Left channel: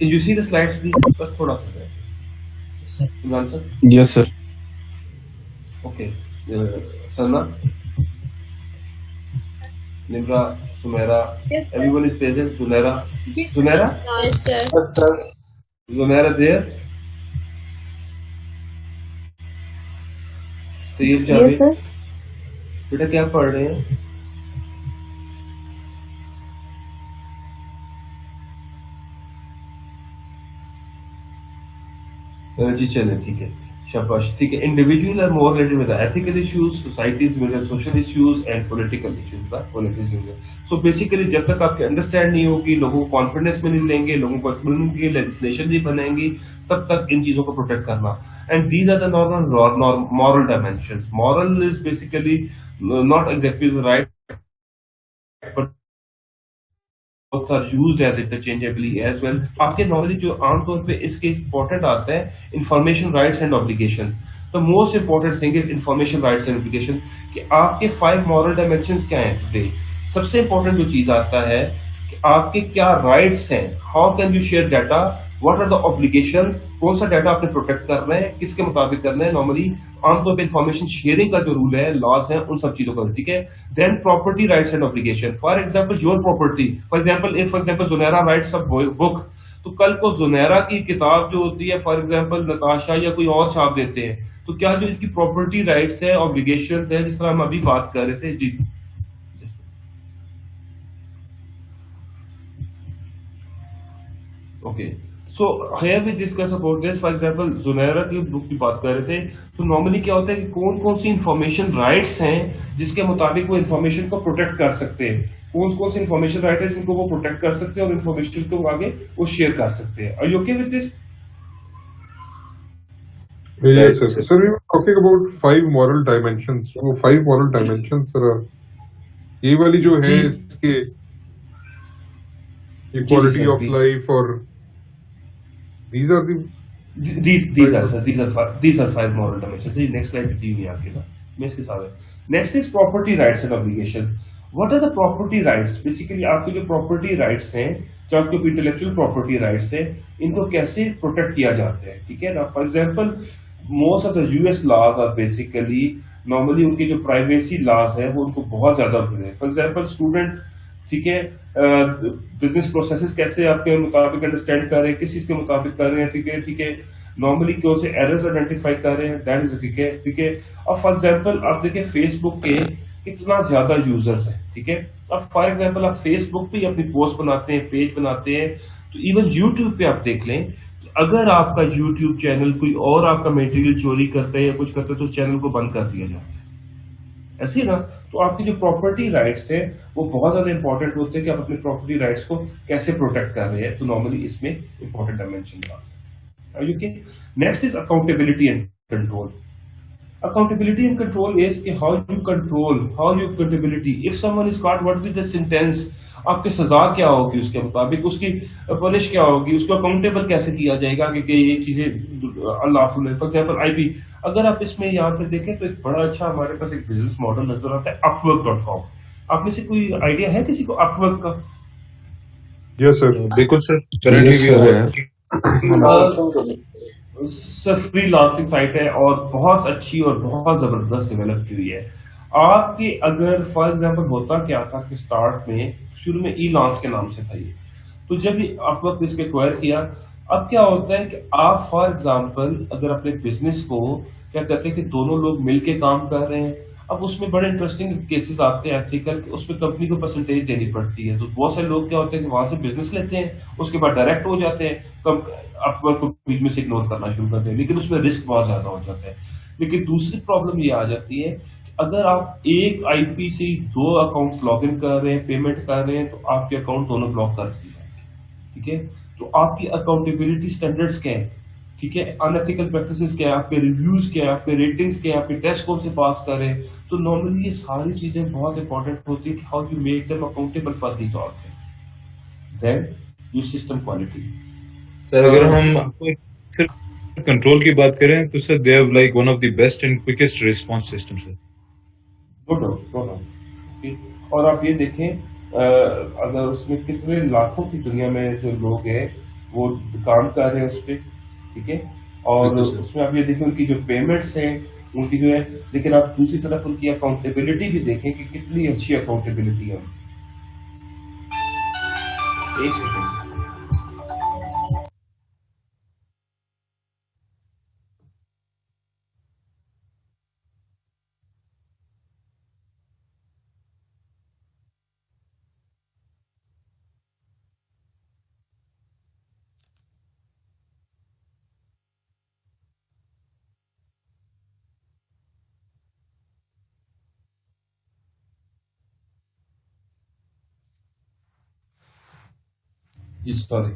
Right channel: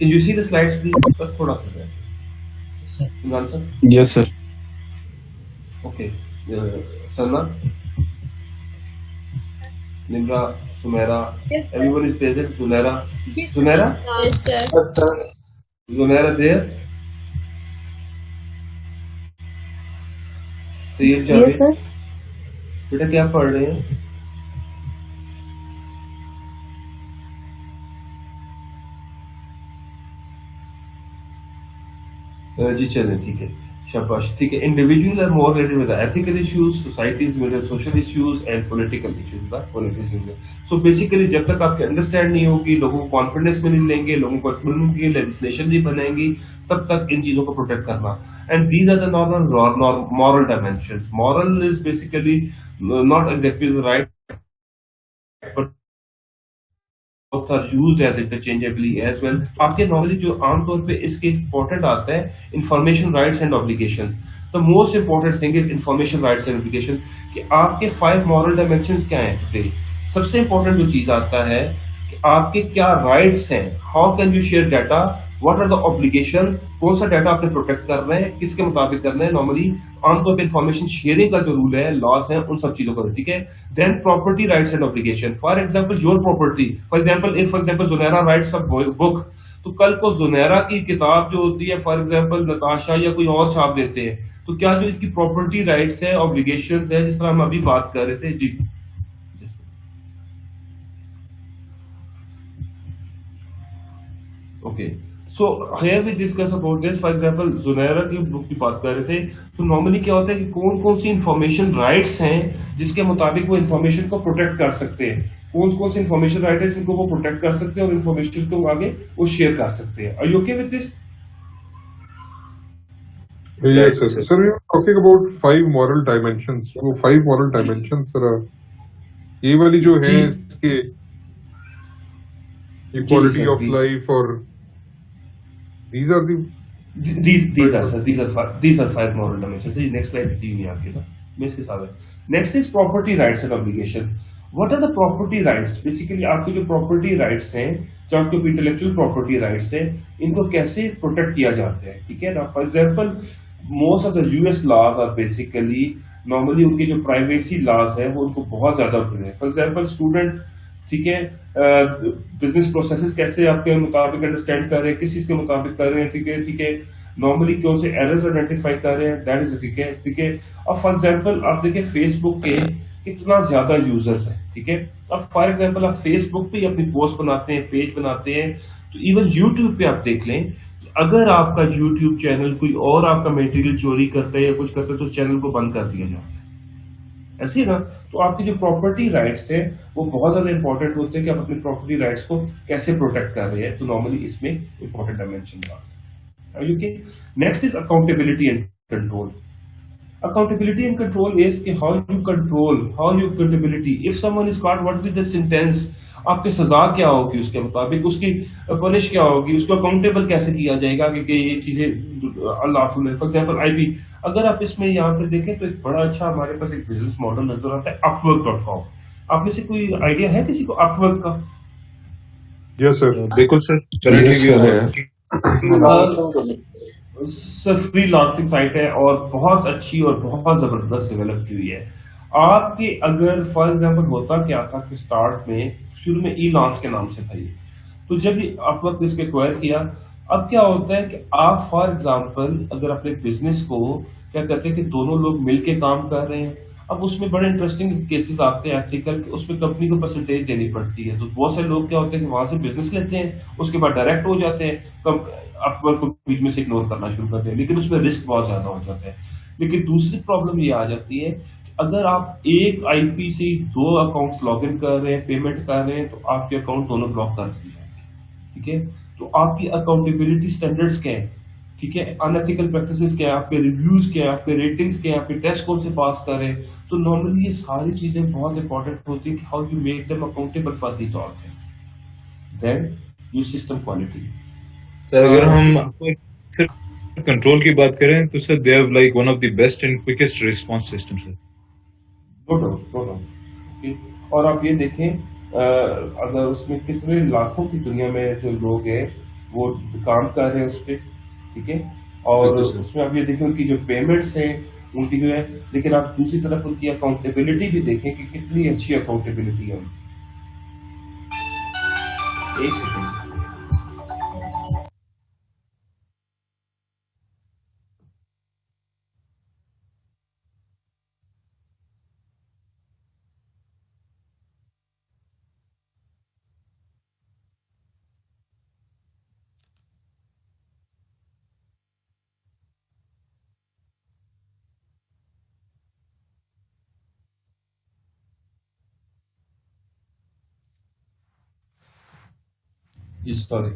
Can you see the slides, please? बस थोड़ा सा है। Imran sir. Yes, sir. Okay. Salma, Nimra, Sumaira. Yes, sir. Everyone is present. Sunaira. Yes, Sunaira. Yes, sir. Yes, sir. Sunaira there. Tayyab Javed. Yes, sir. बेटा क्या पढ़ रहे हैं? जी चले, ठीक है, शाबाश, ठीक है। Individual are more related with ethical issues, societies में social issues and political issues by politicians. So basically जब तक आपके अंडरस्टैंड नहीं होगी, लोगों को कॉन्फिडेंस में नहीं लेंगे, लोगों को कम्युनिटी लेजिस्लेशन नहीं बनाएंगी, तब तक इन चीजों को प्रोटेक्ट करना। And these are the normal moral dimensions. Moral is basically not exactly the right, but are used as interchangeably as well। आपके नॉर्मली जो आमतौर पे इसके इंपॉर्टेंट आता है information rights and obligations. The most important thing is information rights and obligation कि आपके 5 moral dimensions क्या हैं टुडे। सबसे इंपॉर्टेंट जो चीज आता है कि आपके क्या राइट्स हैं, how can you share data, what are the obligations, कौन सा डाटा आपने प्रोटेक्ट कर रहे हैं, किसके मुताबिक कर रहे हैं। नॉर्मली आमतौर पे इन्फॉर्मेशन शेयरिंग का जो रूल है, लॉस है, उन सब चीजों का, ठीक है। Then property rights and obligation, for example your property, for example Junaira writes a book, तो कल को जुनैरा की किताब जो होती है, फॉर एग्जांपल नताशा या कोई और छाप देते हैं, तो क्या जो इनकी प्रॉपर्टी राइट्स है, ऑब्लिगेशंस है, जिस तरह हम अभी बात कर रहे थे। जी okay, so here we discuss about this. For example Junaira की बुक की बात कर रहे थे, तो नॉर्मली क्या होता है कि कौन कौन सी इंफॉर्मेशन राइट्स हैं जिसके मुताबिक वो इंफॉर्मेशन को प्रोटेक्ट कर सकते हैं, कौन कौन सी इंफॉर्मेशन राइट है जिनको वो प्रोटेक्ट कर सकते हैं और इंफॉर्मेशन को आगे वो शेयर कर सकते हैं। Are you okay with this? Yes, sir. Sir, we were talking about 5 moral dimensions. वो 5 moral dimensions, sir, ये वाली जो है इसके equality of life और these are the these are 5 moral dimensions। Next slide दी हुई है आपके पास, मैं इसके साथ है। Next is property rights and obligation. What are the property rights? Basically आपके जो प्रॉपर्टी राइट्स हैं, जो आपके इंटेलेक्चुअल प्रॉपर्टी राइट्स हैं, इनको कैसे प्रोटेक्ट किया जाता है, ठीक है ना। For example most of the US laws are basically normally उनके जो प्राइवेसी लॉज है वो उनको बहुत ज्यादा होते हैं। फॉर एग्जांपल स्टूडेंट, ठीक है, बिजनेस प्रोसेसेस कैसे आपके मुताबिक अंडरस्टैंड कर रहे हैं, किस चीज के मुताबिक कर रहे हैं, ठीक है, ठीक है, नॉर्मली कौन से एरर्स आइडेंटिफाई कर रहे हैं, दैट इज ठीक है, ठीक है। अब फॉर एग्जांपल आप देखिए फेसबुक के कितना ज्यादा यूजर्स हैं, ठीक है। अब फॉर एग्जांपल आप फेसबुक पे अपनी पोस्ट बनाते हैं, पेज बनाते हैं, तो इवन यूट्यूब पे आप देख लें, अगर आपका यूट्यूब चैनल कोई और आपका मटेरियल चोरी करता है या कुछ करता है तो उस चैनल को बंद कर दिया जाता है, ऐसे ही ना। तो आपकी जो प्रॉपर्टी राइट्स है वो बहुत ज्यादा इंपॉर्टेंट होते हैं कि आप अपने प्रॉपर्टी राइट्स को कैसे प्रोटेक्ट कर रहे हैं। तो नॉर्मली इसमें इंपॉर्टेंट डायमेंशन है। Next is accountability and control. Accountability and control is कि how you control, how you accountability. If someone is caught, what will be the sentence? आपकी सजा क्या होगी, उसके मुताबिक उसकी पनिश क्या होगी, उसको अकाउंटेबल कैसे किया जाएगा कि ये चीजें अनलॉफुल है। फॉर एग्जांपल आईपी, अगर आप इसमें यहाँ पे देखें तो एक बड़ा अच्छा हमारे पास एक बिजनेस मॉडल नजर आता है upwork.com। आप में से कोई आइडिया है किसी को upwork का? yes sir, बिल्कुल सर, currently we are है। सर फ्रीलांसिंग साइट है और बहुत अच्छी और बहुत जबरदस्त डेवलप की हुई है। आपके अगर फॉर एग्जांपल होता क्या था कि स्टार्ट में शुरू में ई लॉन्च के नाम से था ये, तो जब आप वक्त इसको एक्वायर किया अब क्या होता है कि आप फॉर एग्जांपल अगर अपने बिजनेस को क्या करते हैं कि दोनों लोग मिलके काम कर रहे हैं, अब उसमें बड़े इंटरेस्टिंग केसेस आते हैं एथिकल, उसमें कंपनी को परसेंटेज देनी पड़ती है, तो बहुत सारे लोग क्या होते हैं कि वहां से बिजनेस लेते हैं, उसके बाद डायरेक्ट हो जाते हैं, अपवर्क को बीच में से इग्नोर करना शुरू करते हैं, लेकिन उसमें रिस्क बहुत ज्यादा हो जाता है। लेकिन दूसरी प्रॉब्लम ये आ जाती है कि अगर आप एक आईपी से दो अकाउंट्स लॉग इन कर रहे हैं, पेमेंट कर रहे हैं, तो आपके अकाउंट दोनों ब्लॉक कर दिए जाएंगे। ठीक है, तो आपकी अकाउंटेबिलिटी स्टैंडर्ड्स क्या है, ठीक है, अनएथिकल प्रैक्टिसेस क्या है, आपके रिव्यूज क्या है, आपके रेटिंग्स क्या है, आपके टेस्ट कौन से पास करें, तो नॉर्मली ये सारी चीजें बहुत इंपॉर्टेंट होती है कि how you make them accountable for these all things. Then you system quality. Sir अगर हम सिर्फ कंट्रोल की बात करें तो sir they have like one of the best and quickest response system sir. No doubt, no doubt. और आप ये देखें अगर उसमें कितने लाखों की दुनिया में जो लोग हैं वो काम कर रहे हैं उस पर, ठीक है, और बिल्कुल सर। उसमें आप ये देखें उनकी जो पेमेंट्स हैं उनकी जो है, लेकिन आप दूसरी तरफ उनकी अकाउंटेबिलिटी भी देखें कि कितनी अच्छी अकाउंटेबिलिटी है उनकी। एक सेकेंड। जी सॉरी,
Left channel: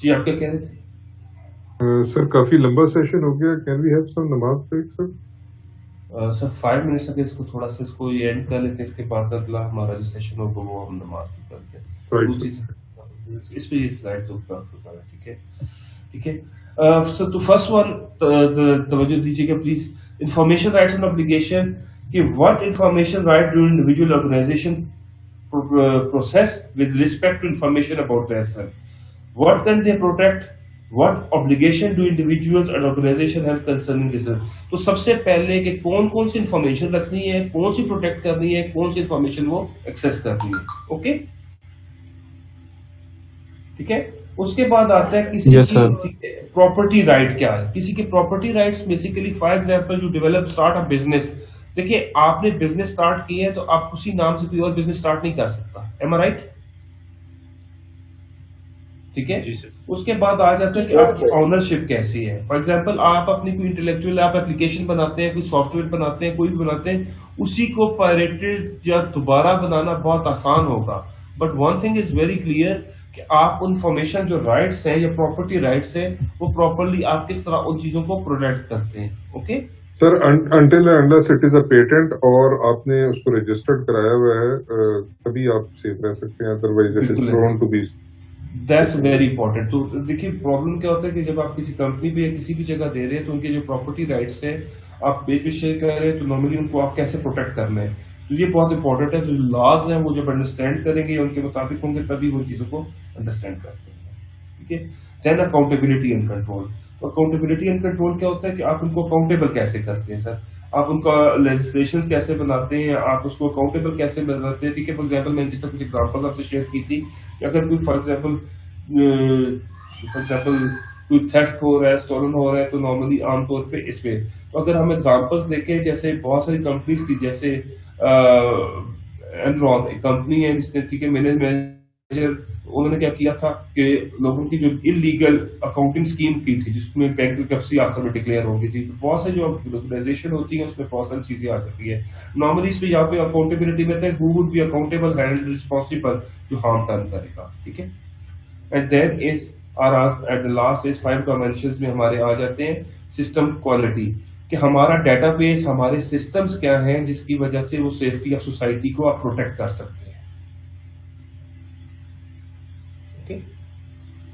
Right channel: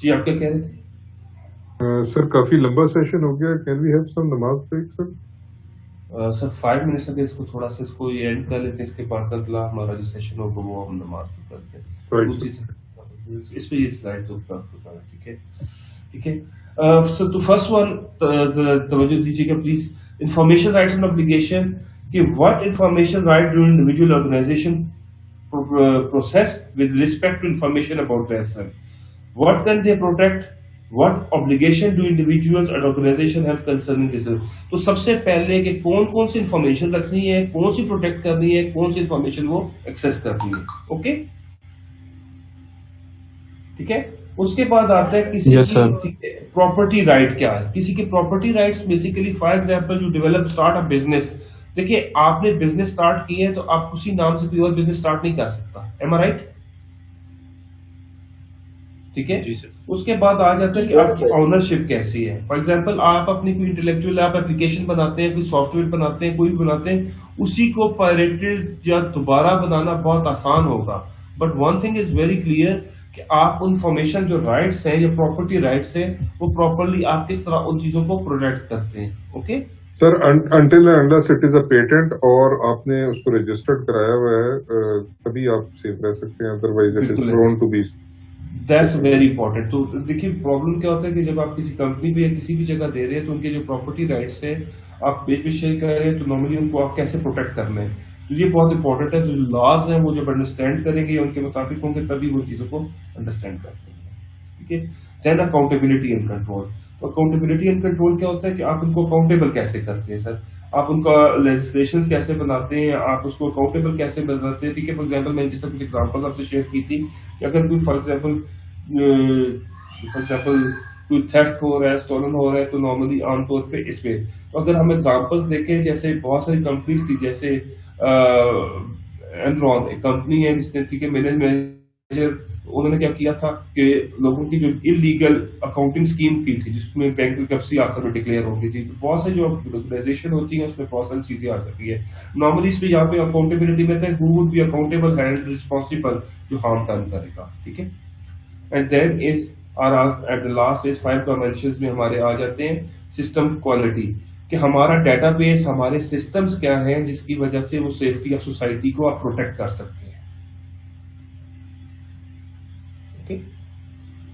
जी आप क्या कह रहे थे? सर काफी लंबा सेशन हो गया, कैन वी हैव सम नमाज ब्रेक सर? सर 5 मिनट्स तक इसको थोड़ा सा इसको ये एंड कर लेते हैं, इसके बाद अगला हमारा जो सेशन होगा वो हम नमाज में करते हैं। राइट दूसरी सर। इस पे ये स्लाइड जो प्राप्त होता है, ठीक है, ठीक है। सो तो फर्स्ट वन तवज्जो दीजिएगा please, information rights and obligation, कि what information right do individual organisation process with respect to information about themselves. What can they protect? What obligation do individuals and organization have concerning this? तो सबसे पहले कि कौन कौन सी information रखनी है, कौन सी प्रोटेक्ट करनी है, कौन सी इंफॉर्मेशन वो एक्सेस करनी है, ओके, ठीक है। उसके बाद आता है किसी Yes, sir. की प्रॉपर्टी राइट क्या है, किसी के property rights basically for example you develop start a business, देखिए आपने बिजनेस स्टार्ट किया है तो आप उसी नाम से कोई और बिजनेस स्टार्ट नहीं कर सकता, एम आई राइट, ठीक है। जी सर। उसके बाद आ जाता है कि आपकी ऑनरशिप कैसी है, फॉर एग्जांपल आप अपनी कोई इंटेलेक्चुअल आप एप्लीकेशन बनाते हैं, कोई सॉफ्टवेयर बनाते हैं, कोई भी बनाते हैं, उसी को पायरेटेड या दोबारा बनाना बहुत आसान होगा, but one thing is very clear कि आप इंफॉर्मेशन जो राइट्स हैं या प्रॉपर्टी राइट्स हैं वो प्रॉपरली आप किस तरह उन चीजों को प्रोटेक्ट करते हैं, okay. Sir until unless it is a patent और आपने उसको रजिस्टर्ड कराया हुआ है तभी आप सेफ रह सकते हैं, अदरवाइज इट इज बिल्कुल prone to be. That's very important. तो देखिए प्रॉब्लम क्या होता है कि जब आप किसी कंपनी पे या किसी भी जगह दे रहे हैं तो उनके जो प्रॉपर्टी राइट्स है आप बेच शेयर कर रहे हैं, तो नॉर्मली उनको आप कैसे प्रोटेक्ट करना है, तो ये बहुत इंपॉर्टेंट है। जो लॉज हैं वो जब अंडरस्टैंड करेंगे उनके मुताबिक होंगे तभी वो चीज़ों को अंडरस्टैंड करते हैं, ठीक है। देन अकाउंटेबिलिटी एंड कंट्रोल, तो अकाउंटेबिलिटी एंड कंट्रोल क्या होता है कि आप उनको अकाउंटेबल कैसे करते हैं सर, आप उनका लेजिस्लेशन कैसे बनाते हैं, आप उसको अकाउंटेबल कैसे बनाते हैं, ठीक है। फॉर एग्जाम्पल मैंने जिस तरह कुछ एग्जाम्पल्स आपसे शेयर की थी कि अगर कोई फॉर एग्जाम्पल कोई थेफ्ट हो रहा है, स्टोलन हो रहा है, तो नॉर्मली आमतौर पे इस पे, तो अगर हम एग्जांपल्स देखें जैसे बहुत सारी कंपनीज थी, जैसे एनरॉन एक कंपनी है जिसने, ठीक है, मैनेजर उन्होंने क्या किया था कि लोगों की जो इलीगल अकाउंटिंग स्कीम की थी जिसमें बैंकरप्सी आखिर में डिक्लेयर होगी थी, तो बहुत से जो ऑर्गेनाइजेशन होती है उसमें बहुत सारी चीजें आ जाती है। नॉर्मली इसमें यहाँ पे अकाउंटेबिलिटी में था who would be accountable and responsible जो हार्म डन करेगा, ठीक है। And then is at the last is 5 dimensions में हमारे आ जाते हैं सिस्टम क्वालिटी, कि हमारा डेटाबेस, हमारे सिस्टम्स क्या हैं जिसकी वजह से वो सेफ्टी ऑफ सोसाइटी को आप प्रोटेक्ट कर सकते हैं, ओके,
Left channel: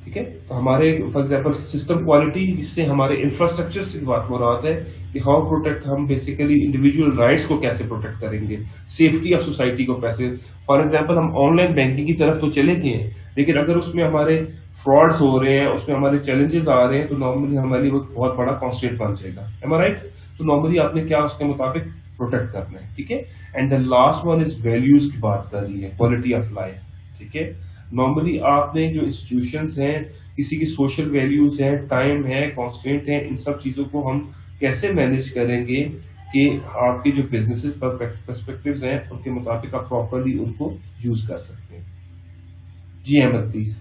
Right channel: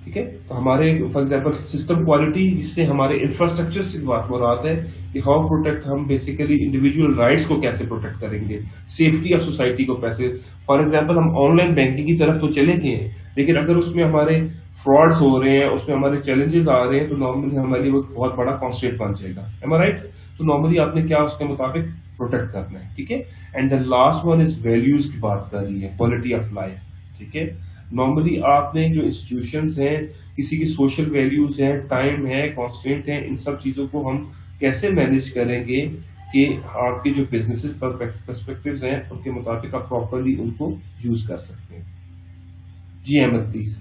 ठीक है। तो हमारे फॉर एग्जांपल सिस्टम क्वालिटी, जिससे हमारे इंफ्रास्ट्रक्चर से बात हो रहा है कि हाउ प्रोटेक्ट, हम बेसिकली इंडिविजुअल राइट्स को कैसे प्रोटेक्ट करेंगे, सेफ्टी ऑफ सोसाइटी को कैसे, फॉर एग्जांपल हम ऑनलाइन बैंकिंग की तरफ तो चले गए हैं, लेकिन अगर उसमें हमारे फ्रॉड्स हो रहे हैं, उसमें हमारे चैलेंजेस आ रहे हैं, तो नॉर्मली हमारे लिए वो बहुत बड़ा कॉन्स्टेंट बन जाएगा, एम आई राइट। तो नॉर्मली आपने क्या उसके मुताबिक प्रोटेक्ट करना है, ठीक है। And the last one is values की बात कर रही है, क्वालिटी ऑफ लाइफ, ठीक है। नॉर्मली आपने जो इंस्टीट्यूशंस हैं, किसी की सोशल वैल्यूज हैं, टाइम है, कॉन्स्टेंट है, इन सब चीज़ों को हम कैसे मैनेज करेंगे कि आपके जो बिजनेसेस पर पर्सपेक्टिव्स हैं उनके मुताबिक आप प्रॉपरली उनको यूज कर सकते हैं। जी अहमद प्लीज।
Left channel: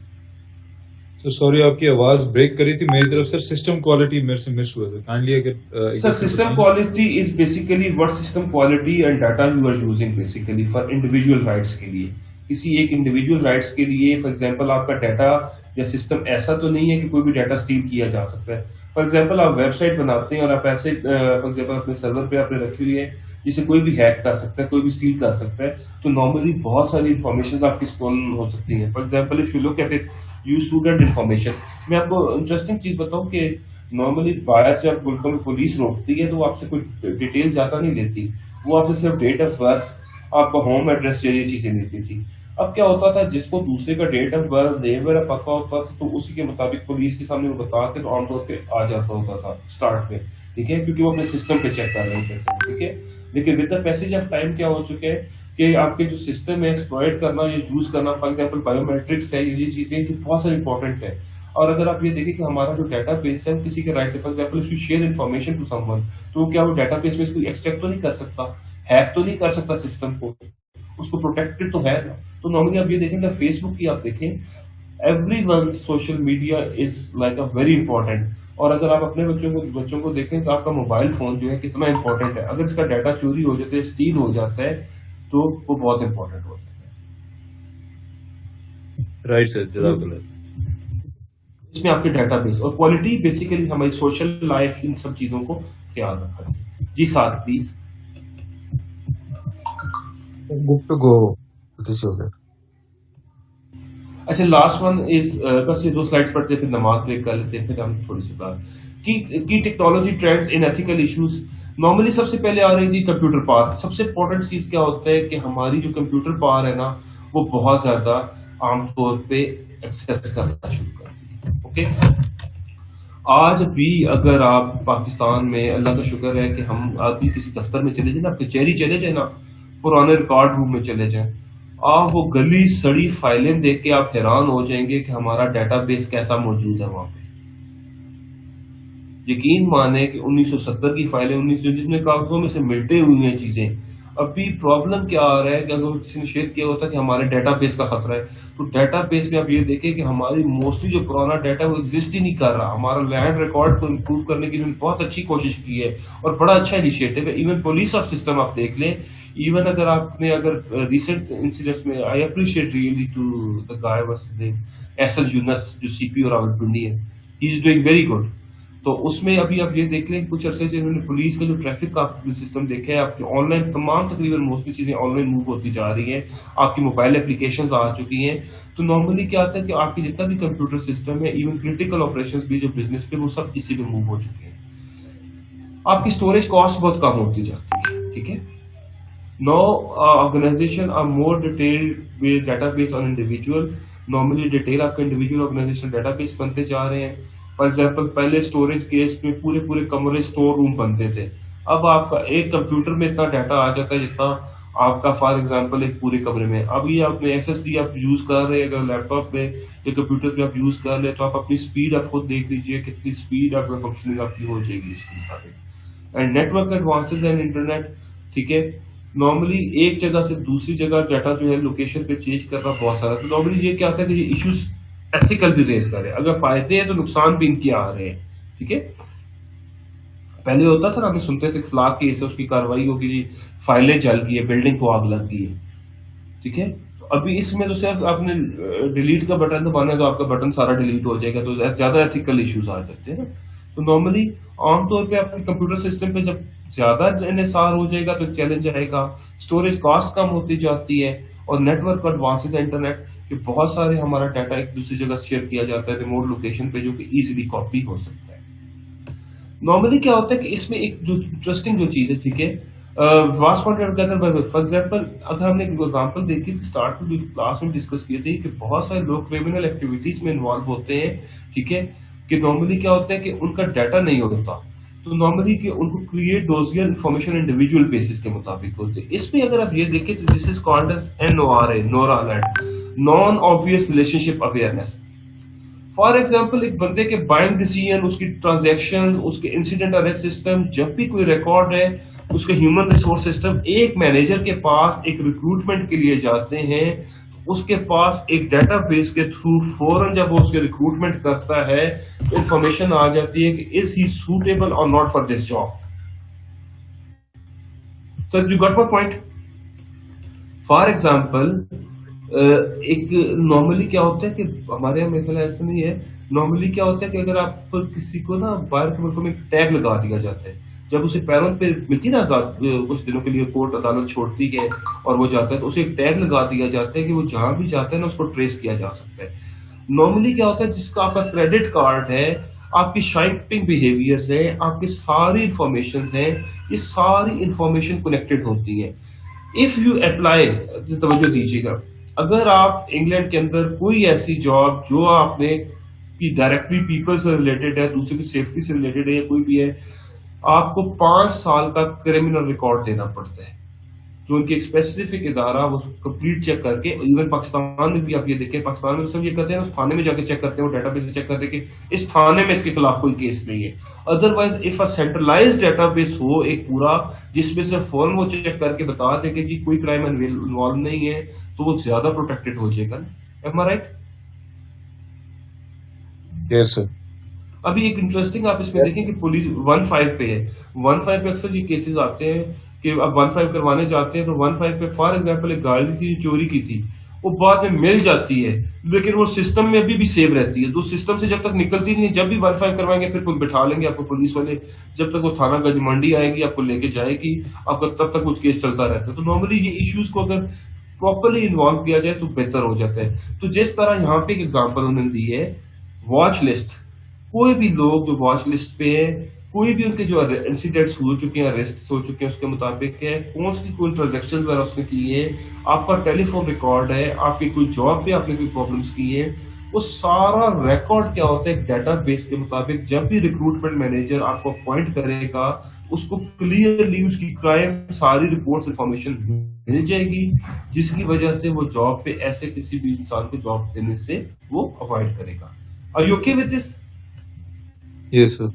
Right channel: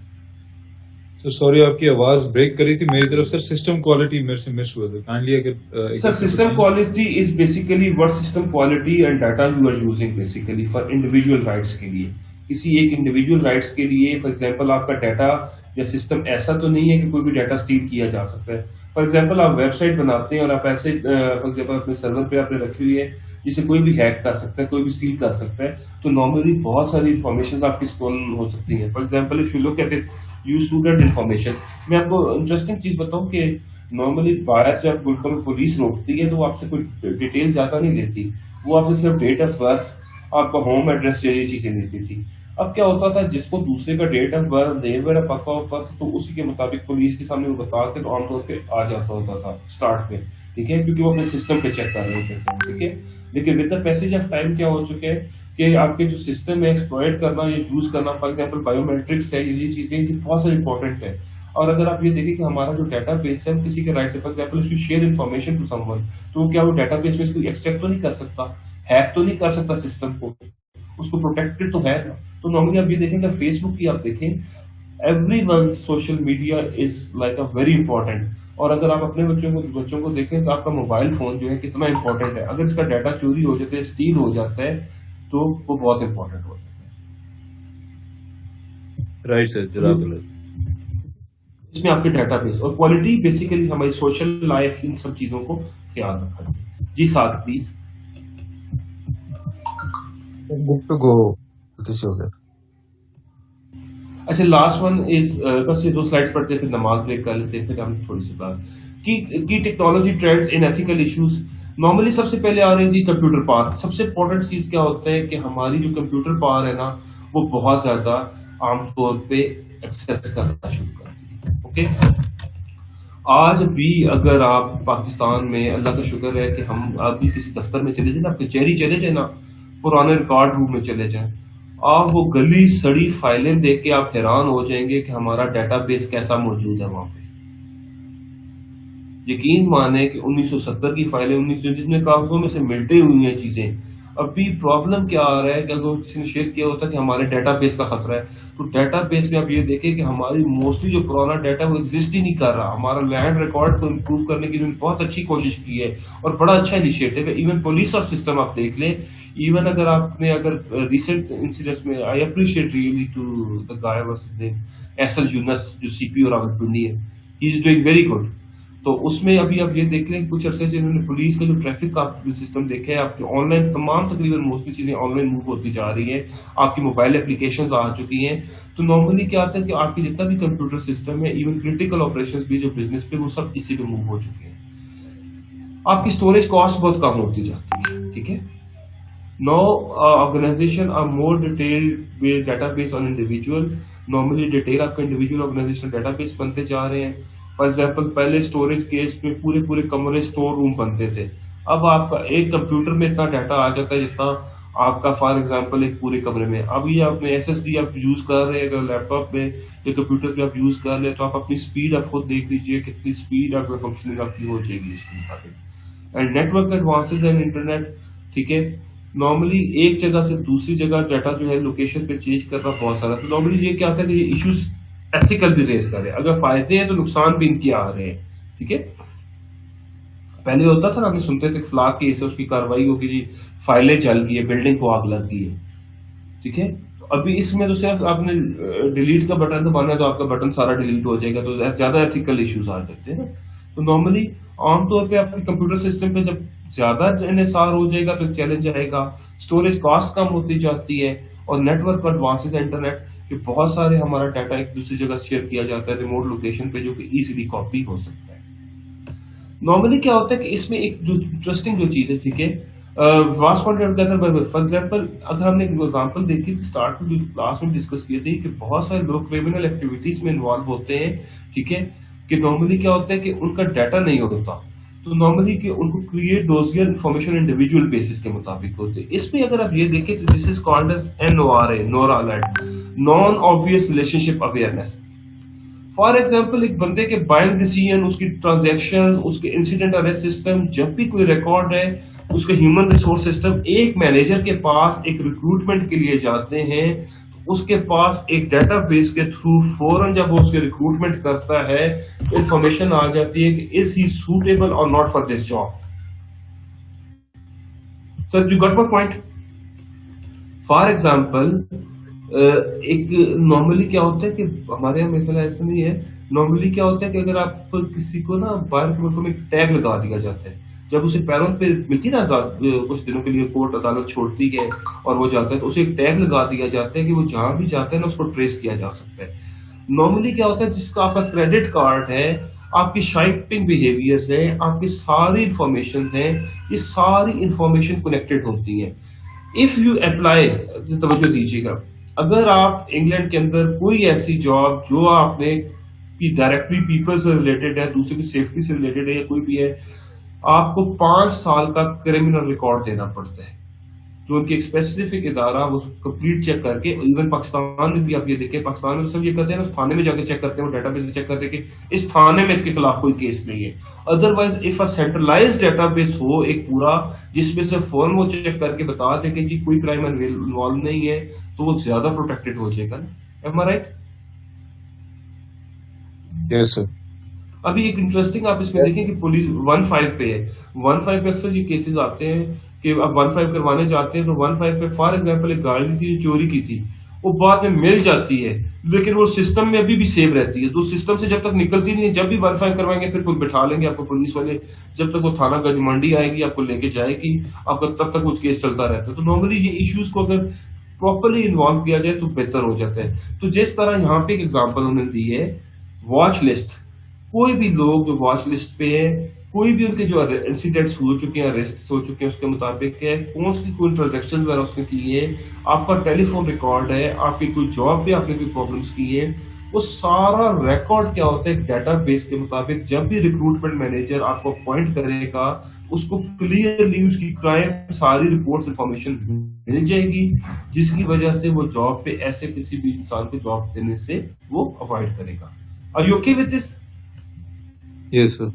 सर सॉरी, आपकी आवाज ब्रेक करी थी मेरी तरफ। सर सिस्टम क्वालिटी मेरे से मिस हुआ था, काइंडली अगर एक सर बार सिस्टम बताएं। Quality is basically what system quality and data you are using basically for individual rights के लिए, किसी एक इंडिविजुअल राइट्स के लिए। फॉर एग्जांपल आपका डाटा या सिस्टम ऐसा तो नहीं है कि कोई भी डाटा स्टील किया जा सकता है। फॉर एग्जांपल आप वेबसाइट बनाते हैं और आप ऐसे फॉर एग्जांपल अपने सर्वर पे आपने रखी हुई है जिसे कोई भी हैक कर सकता है, कोई भी स्टील कर सकता है, तो नॉर्मली बहुत सारी इंफॉर्मेशन आपकी स्टोलन हो सकती है। For example if you look at it you student information, मैं आपको इंटरेस्टिंग चीज बताऊं कि नॉर्मली बाहर जब मुल्कों में पुलिस रोकती है तो वो आपसे कोई डिटेल ज्यादा नहीं लेती, वो आपसे सिर्फ डेट ऑफ बर्थ, आपका होम एड्रेस जैसी चीजें लेती थी। अब क्या होता था, जिसको दूसरे का डेट ऑफ बर्थ नेम वगैरह पता होता था तो उसी के मुताबिक पुलिस के सामने वो बता के तो आमतौर पे आ जाता होता था स्टार्ट में, ठीक है, क्योंकि वो अपने सिस्टम पे चेक कर रहे होते थे, ठीक है। लेकिन with the passage of time क्या हो चुके हैं कि आपके जो सिस्टम है एक्सप्लॉइट करना या यूज करना, फॉर एग्जांपल बायोमेट्रिक्स है, ये चीजें कि बहुत सारी इंपॉर्टेंट है। और अगर आप ये देखें कि हमारा जो डाटा बेस है किसी के राइट से, for example if you share information to someone, तो क्या वो डाटा बेस में इसको एक्सट्रैक्ट तो नहीं कर सकता, हैक तो नहीं कर सकता सिस्टम को, उसको प्रोटेक्टेड तो है ना। तो नॉर्मली आप ये देखेंगे फेसबुक की आप देखें, everyone social media is like a very important. और अगर आप अपने बच्चों को देखें तो आपका मोबाइल फोन जो है कितना इंपॉर्टेंट है, अगर इसका डाटा चोरी हो जाता है, स्टील हो जाता है, तो वो बहुत इंपॉर्टेंट हो जाता है। राइट सर, जज़ाकल्लाह। इसमें आपके डाटाबेस और क्वालिटी बेसिकली हमारी सोशल लाइफ, इन सब चीजों को ख्याल रखा है। जी साथ please. Good to go, this हो गया। अच्छा लास्ट वन इज, बस ये 2 स्लाइड्स पढ़ते फिर नमाज ब्रेक कर लेते हैं, फिर हम थोड़ी सी बात की technology trends in ethical issues. Normally सबसे पहले आ रही थी कंप्यूटर पावर। सबसे इंपॉर्टेंट चीज क्या होता है कि हमारी जो कंप्यूटर पावर है ना, वो बहुत ज्यादा आमतौर पे एक्सेस करना शुरू करती है, ओके। आज भी अगर आप पाकिस्तान में, अल्लाह का शुक्र है कि हम अभी किसी दफ्तर में चले जाए ना, कचहरी चले जाए ना, पुराने रिकॉर्ड रूम में चले जाएं, आप वो गली सड़ी फाइलें देख के आप हैरान हो जाएंगे कि हमारा डेटाबेस कैसा मौजूद है वहां पे। यकीन माने कि 1970 की फाइलें, 1900 जिसमें कागजों में से मिलटे हुई हैं चीजें। अभी प्रॉब्लम क्या आ रहा है कि अगर किसी ने शेयर किया होता है कि हमारे डेटाबेस का खतरा है, तो डेटाबेस में आप ये देखें कि हमारी मोस्टली जो पुराना डाटा वो एग्जिस्ट ही नहीं कर रहा। हमारा लैंड रिकॉर्ड को इम्प्रूव करने की उन्होंने बहुत अच्छी कोशिश की है और बड़ा अच्छा इनिशिएटिव है। इवन पुलिस ऑफ सिस्टम आप देख लें, इवन अगर रिसेंट इंसिडेंट्स में, I appreciate really to the guy what's his name, SL Younus जो सीपीओ रावलपिंडी है, he is doing very good. तो उसमें अभी आप ये देख लें कुछ अरसे से इन्होंने पुलिस का जो ट्रैफिक का सिस्टम देखा है, आपके ऑनलाइन तमाम तकरीबन मोस्टली चीजें ऑनलाइन मूव होती जा रही हैं, आपकी मोबाइल एप्लीकेशंस आ चुकी हैं। तो नॉर्मली क्या होता है कि आपकी जितना भी कंप्यूटर सिस्टम है, इवन क्रिटिकल ऑपरेशंस भी जो बिजनेस पे, वो सब इसी पे मूव हो चुके हैं। आपकी स्टोरेज कॉस्ट बहुत कम होती जाती है, ठीक है। No organisation are more detailed with database on individual. Normally detail आपका इंडिविजुअल ऑर्गेनाइजेशन डेटाबेस बनते जा रहे हैं। फॉर एग्जाम्पल पहले स्टोरेज केस में पूरे पूरे कमरे स्टोर रूम बनते थे, अब आपका एक कंप्यूटर में इतना डाटा आ जाता है जितना आपका फॉर एग्जाम्पल एक पूरे कमरे में। अब ये आपने एसएसडी आप यूज कर रहे हैं, अगर लैपटॉप में या कंप्यूटर पे आप यूज कर ले, तो आप अपनी स्पीड आप खुद देख लीजिए कितनी स्पीड आपका फंक्शनिंग आपकी हो जाएगी इसके मुताबिक। And network advances and internet, ठीक है। नॉर्मली एक जगह से दूसरी जगह डाटा जो है लोकेशन पे चेंज करना बहुत सारा, तो नॉर्मली ये क्या होता है कि ये इश्यूज एथिकल भी रेस कर रहे हैं। अगर फायदे हैं तो नुकसान भी इनके आ रहे हैं, ठीक है। पहले होता था ना, हमने सुनते थे फ्लाक केस है, उसकी कार्रवाई होगी जी, फाइलें जल गई है, बिल्डिंग को आग लग गई है, ठीक है। तो अभी इसमें तो सिर्फ आपने डिलीट का बटन दबाना है तो आपका बटन सारा डिलीट हो जाएगा, तो ज्यादा एथिकल इश्यूज आ जाते हैं ना। तो नॉर्मली आमतौर पे आपके कंप्यूटर सिस्टम पे जब ज्यादा इन्हिसार हो जाएगा तो चैलेंज आएगा, स्टोरेज कॉस्ट कम होती जाती है, और नेटवर्क एडवांसेस इंटरनेट कि बहुत सारे हमारा डाटा एक दूसरी जगह शेयर किया जाता है रिमोट लोकेशन पे, जो कि इजीली कॉपी हो सकता है। नॉर्मली क्या होता है कि इसमें एक जो इंटरेस्टिंग जो चीज है, ठीक है, वास्ट कॉन्टेंट के अंदर फॉर एग्जांपल अगर हमने एक एग्जांपल देखी थी स्टार्ट में क्लास में डिस्कस किए थे कि बहुत सारे लोग क्रिमिनल एक्टिविटीज में इन्वॉल्व होते हैं, ठीक है, कि नॉर्मली क्या होता है कि उनका डाटा नहीं होता, तो नॉर्मली कि उनको create dossier information individual basis के मुताबिक होते हैं। इसमें अगर आप ये देखें तो this is called as NORA, NORA alert. Non obvious relationship awareness. For example, एक बंदे के बाइंग डिसीजन, उसकी ट्रांजैक्शन, उसके इंसिडेंट अरेस्ट सिस्टम, जब भी कोई रिकॉर्ड है, उसके ह्यूमन रिसोर्स सिस्टम एक मैनेजर के पास एक रिक्रूटमेंट के लिए जाते हैं, उसके पास एक डेटाबेस के थ्रू फौरन जब वो उसके रिक्रूटमेंट करता है, इंफॉर्मेशन आ जाती है कि इज ही सूटेबल और not for this job. Sir, you got my point? For example, एक नॉर्मली क्या होता है कि हमारे यहाँ मेरे ख्याल ऐसा नहीं है, नॉर्मली क्या होता है कि अगर आप किसी को ना बाहर के मुल्कों में टैग लगा दिया जाता है, जब उसे पैरोल पे मिलती है ना कुछ दिनों के लिए कोर्ट अदालत छोड़ती है और वो जाता है, तो उसे एक टैग लगा दिया जाता है कि वो जहां भी जाता है ना उसको ट्रेस किया जा सकता है। नॉर्मली क्या होता है, जिसका आपका क्रेडिट कार्ड है, आपकी शॉपिंग बिहेवियर्स है, आपकी सारी इंफॉर्मेशन है, ये सारी इंफॉर्मेशन कनेक्टेड होती है। इफ यू अप्लाई, तवज्जो दीजिएगा, अगर आप इंग्लैंड के अंदर कोई ऐसी जॉब जो आपने की डायरेक्टली पीपल से रिलेटेड है, दूसरे की सेफ्टी से रिलेटेड है या कोई भी है, आपको 5 साल का क्रिमिनल रिकॉर्ड देना पड़ता है, जो उनकी एक स्पेसिफिक इदारा वो कंप्लीट चेक करके, इवन पाकिस्तान में भी आप ये देखें, पाकिस्तान में सब ये करते हैं ना, उस थाने में जाके चेक करते हैं, वो डेटाबेस से चेक करते हैं कि इस थाने में इसके खिलाफ कोई केस नहीं है। Otherwise if a centralised database हो एक पूरा, जिसमें से फौरन वो चेक करके बता दे कि जी कोई क्राइम इन्वॉल्व नहीं है, तो वो ज्यादा प्रोटेक्टेड हो जाएगा ना। एम आई राइट? Yes sir. अभी एक इंटरेस्टिंग आप इसमें देखें कि पुलिस 1-5 पे है, 1-5 पे अक्सर ये केसेस आते हैं कि अब 1-5 करवाने जाते हैं, तो 1-5 पे फॉर एग्जांपल एक गाड़ी थी जो चोरी की थी, वो बाद में मिल जाती है, लेकिन वो सिस्टम में अभी भी सेव रहती है, तो सिस्टम से जब तक निकलती नहीं है, जब भी 1-5 करवाएंगे फिर बिठा लेंगे आपको पुलिस वाले, जब तक वो थाना गज मंडी आएगी आपको लेके जाएगी, आपका तब तक कुछ केस चलता रहता है। तो नॉर्मली ये इश्यूज को अगर प्रॉपरली इन्वॉल्व किया जाए तो बेहतर हो जाता है। तो जिस तरह यहाँ पे एक एग्जाम्पल उन्होंने दी है, वॉच लिस्ट, कोई भी लोग जो वॉच लिस्ट पे है, कोई भी उनके जो इंसिडेंट्स हो चुके हैं, अरेस्ट हो चुके हैं, उसके मुताबिक है, कौन सी कोई ट्रांजेक्शन वगैरह उसने की है, आपका टेलीफोन रिकॉर्ड है, आपकी कोई जॉब पे आपने कोई प्रॉब्लम्स की है, वो सारा रिकॉर्ड क्या होता है डेटाबेस के मुताबिक, जब भी रिक्रूटमेंट मैनेजर आपको अपॉइंट करेगा, उसको क्लियरली उसकी क्राइम सारी रिपोर्ट्स इंफॉर्मेशन मिल जाएगी, जिसकी वजह से वो जॉब पे ऐसे किसी भी इंसान को जॉब देने से वो अवॉइड करेगा। Are you okay with this? Yes sir.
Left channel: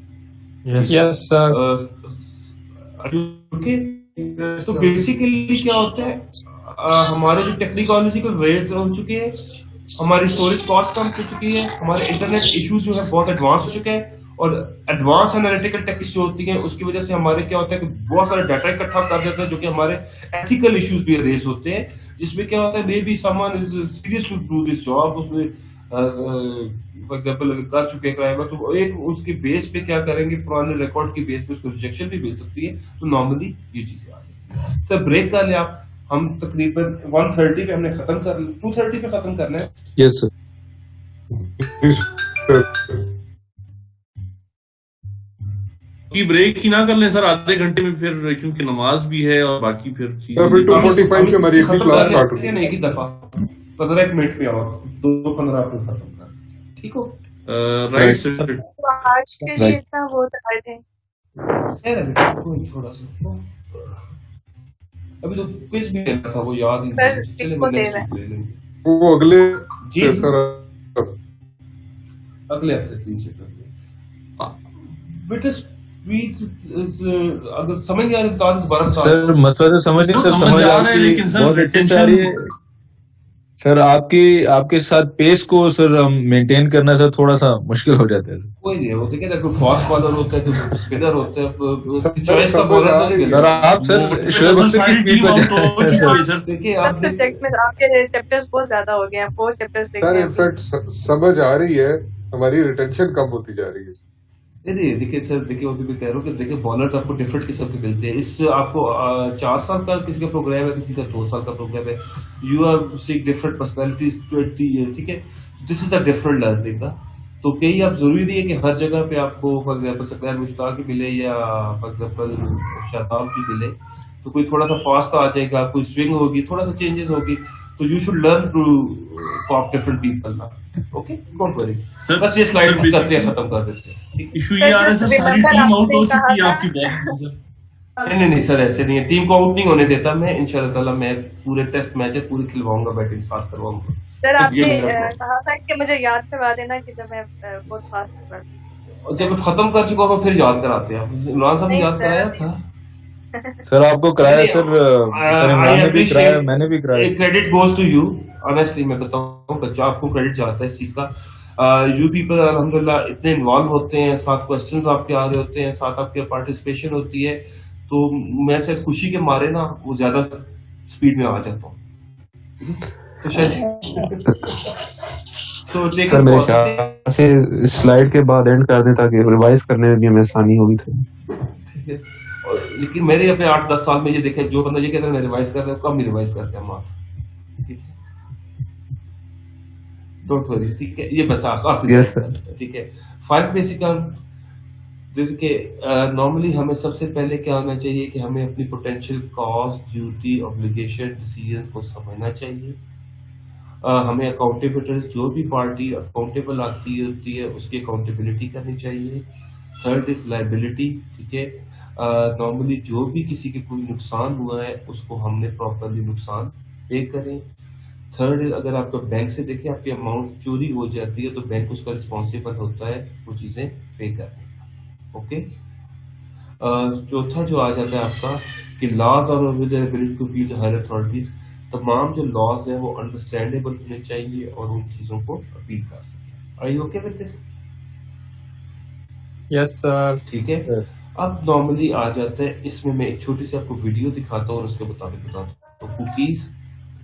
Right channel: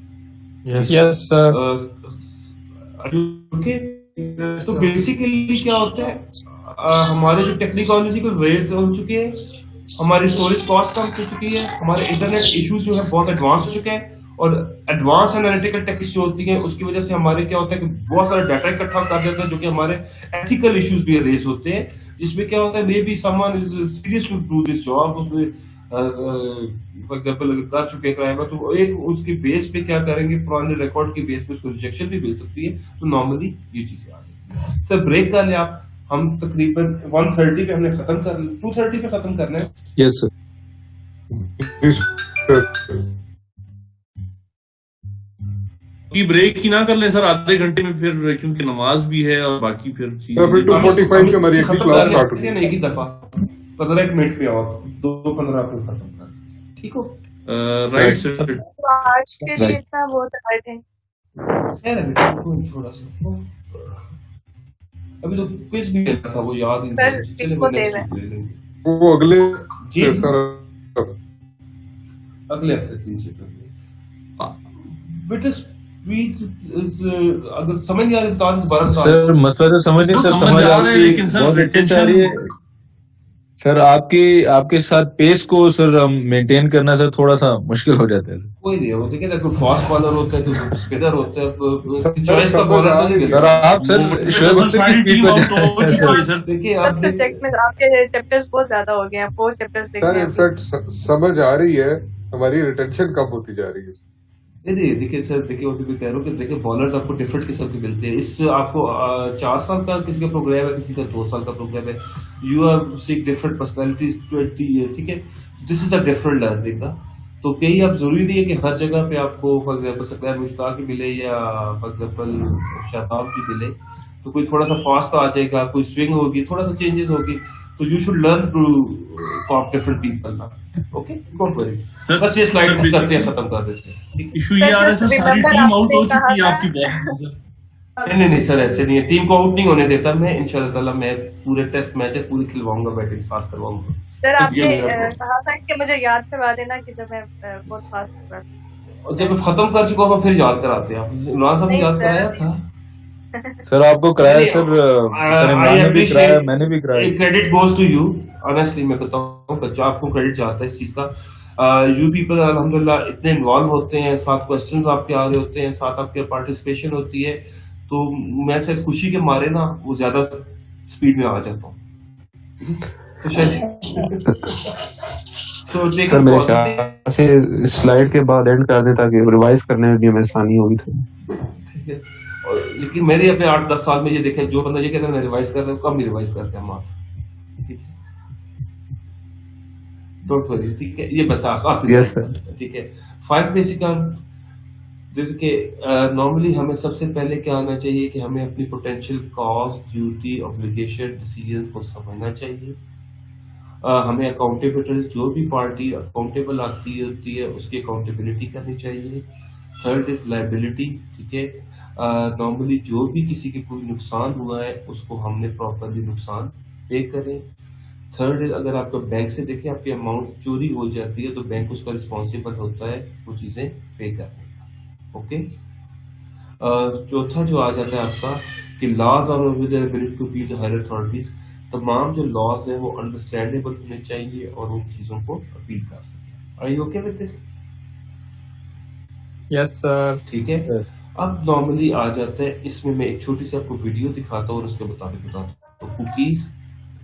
Yes sir. Okay. तो बेसिकली क्या होता है, हमारे जो टेक्नोलॉजिकल रेट हो चुके हैं, हमारी स्टोरेज कॉस्ट कम हो चुकी है, हमारे इंटरनेट इश्यूज जो है बहुत एडवांस हो चुके हैं, और एडवांस एनालिटिकल टेक्निक्स जो होती हैं उसकी वजह से हमारे क्या होता है कि बहुत सारा डाटा इकट्ठा कर देता है, जो कि हमारे एथिकल इश्यूज भी रेज होते हैं, जिसमें क्या होता है may be someone is serious to do this job, उसमें फॉर एग्जांपल अगर कर चुके क्राइम है, तो एक उसके बेस पे क्या करेंगे, पुराने रिकॉर्ड के बेस पे उसको रिजेक्शन भी मिल सकती है। तो नॉर्मली ये चीजें आ रही है। सर ब्रेक कर ले आप, हम तकरीबन 1:30 पे हमने खत्म कर, 2:30 पे खत्म करना है। Yes sir. की ब्रेक ही ना कर लें सर आधे घंटे में, फिर क्योंकि नमाज भी है और बाकी फिर सर फिर 2:45 पे हमारी अगली क्लास स्टार्ट होगी। नहीं की दफा 15 मिनट पे और 2:15 पे खत्म कर, ठीक हो? Right sir. तो आज के लिए इतना बहुत हार्ड है। खैर अभी थोड़ा सा अभी तो क्विज भी देना था, वो याद ही सर, नहीं। चलिए इसको वो दे next रहे हैं। week ले लेंगे। वो अगले जी सर अगले हफ्ते 3 से कर लेंगे। बट स्पीच अगर समझ नहीं आ रही तो आज दोबारा बता सर मतलब तो समझ नहीं वो सर, समझ समझ आ रहा है, आपकी लेकिन सर बहुत अच्छी आ रही है सर। आपके साथ पेस को सर मेंटेन करना सर थोड़ा सा मुश्किल हो जाता है सर। कोई नहीं है, वो देखिए ना, कोई फास्ट बॉलर होता है, कोई स्पिनर होता है, सर, चॉइस का समझ बॉलर आ तो नहीं रही है। मिलता। सर आप सर वो शोएब सर अख्तर सारी की टीम आउट तो हो चुकी है सर। देखिए सब आप सब्जेक्ट में आपके चैप्टर्स बहुत ज्यादा हो गए हैं, 4 चैप्टर्स देखे सर हैं। इनफैक्ट समझ आ रही है, हमारी रिटेंशन कम होती जा रही है। नहीं देखिए सर, देखिए अभी भी कह रहा हूँ कि देखिए बॉलर्स आपको डिफरेंट किस्म के मिलते हैं। इस आपको 4 साल का किसी का प्रोग्राम है, किसी का 2 साल का प्रोग्राम है, you are seeing different personalities 20 year, ठीक है? This is a different learning का। तो कहीं आप जरूरी नहीं है कि हर जगह पे आपको फॉर एग्जाम्पल सकलैन मुश्ताक की मिले या फॉर एग्जाम्पल शादाब की मिले, तो कोई थोड़ा सा फास्ट आ जाएगा, कोई स्विंग होगी, थोड़ा सा चेंजेस होगी, तो you should learn to talk different people ना। Okay, don't worry. सर, बस ये स्लाइड सर, करते हैं, खत्म कर देते हैं, ठीक है? इशू ये आ रहा है सर, सारी टीम आउट हो चुकी है आपकी बॉलिंग में सर। नहीं सर, ऐसे नहीं है, टीम को आउट नहीं होने देता मैं, इंशाल्लाह ताला मैं पूरे टेस्ट मैच पूरी खिलवाऊंगा, बैटिंग साथ करवाऊंगा सर तो आपने ये मेरा problem। कहा था कि मुझे याद करवा देना कि जब मैं बहुत फास्ट कर और जब मैं खत्म कर चुका हूँ फिर याद कराते हैं आप, इमरान साहब ने नहीं याद सर। कराया था। सर आपको कराया नहीं, सर, I इमरान ने भी appreciate- कराया, मैंने भी कराया। Credit goes to you, honestly मैं बताऊं बच्चा, आपको क्रेडिट जाता है इस चीज का। यू पीपल अल्हम्दुलिल्लाह इतने इन्वॉल्व होते हैं, साथ क्वेश्चंस आपके आ रहे होते हैं, साथ आपके पार्टिसिपेशन होती है, तो मैं शायद खुशी के मारे ना वो ज्यादा स्पीड में आ जाता हूँ, तो शायद सर मेरे ख्याल से स्लाइड के बाद एंड कर दें ताकि रिवाइज करने में भी हमें आसानी होगी थी। ठीक है। लेकिन मैंने अपने 8-10 साल में ये देखा है, जो बंदा ये कहता है मैं रिवाइज कर रहा हूँ, कम रिवाइज करते हैं मात्र, ठीक है, डोंट वरी, ठीक है, ये बस आखिरी Yes, ठीक है। 5 बेसिक देखिए, नॉर्मली हमें सबसे पहले क्या होना चाहिए कि हमें अपनी potential cost, duty, obligation, decision को समझना चाहिए। हमें अकाउंटेबल, जो भी पार्टी अकाउंटेबल आती होती है उसकी अकाउंटेबिलिटी करनी चाहिए। थर्ड इज लाइबिलिटी, ठीक है, नॉर्मली जो भी किसी के कोई नुकसान हुआ है उसको हमने प्रॉपरली नुकसान पे करें। थर्ड इज अगर आपको बैंक से देखें आपकी अमाउंट चोरी हो जाती है तो बैंक उसका रिस्पॉन्सिबल होता है वो चीज़ें पे करने का, ओके। चौथा जो आ जाता है आपका कि लॉज और with ability to be the higher authorities, तमाम जो लॉज है वो अंडरस्टैंडेबल होने चाहिए और उन चीज़ों को अपील कर सकें। Are you okay with this? Yes sir. ठीक है। अब नॉर्मली आ जाता है इसमें, मैं एक छोटी सी आपको वीडियो दिखाता हूँ और उसके मुताबिक बताता हूँ। तो cookies,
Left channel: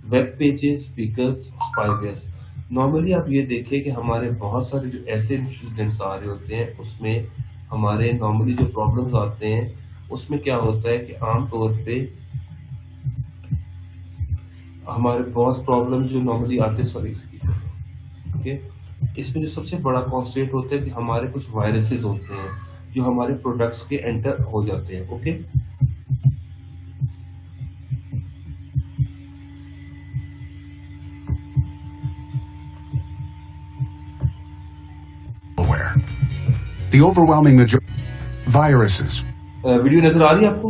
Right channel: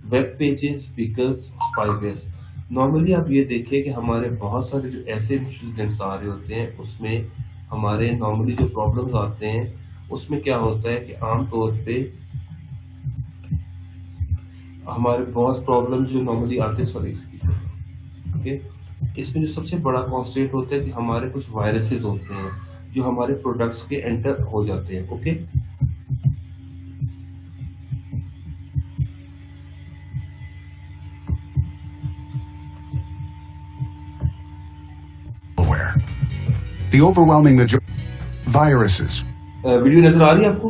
web pages, speakers, spywares. Normally आप ये देखिए कि हमारे बहुत सारे जो ऐसे इंसिडेंट्स आ रहे होते हैं उसमें हमारे नॉर्मली जो प्रॉब्लम्स आते हैं उसमें क्या होता है कि आम तौर पे हमारे बहुत प्रॉब्लम जो नॉर्मली आते हैं, सॉरी ओके, इसमें जो सबसे बड़ा कॉन्स्टेंट होता है कि हमारे कुछ वायरसेस होते हैं जो हमारे प्रोडक्ट्स के एंटर हो जाते हैं, okay. The overwhelming majority viruses. Video नजर आ रही है आपको?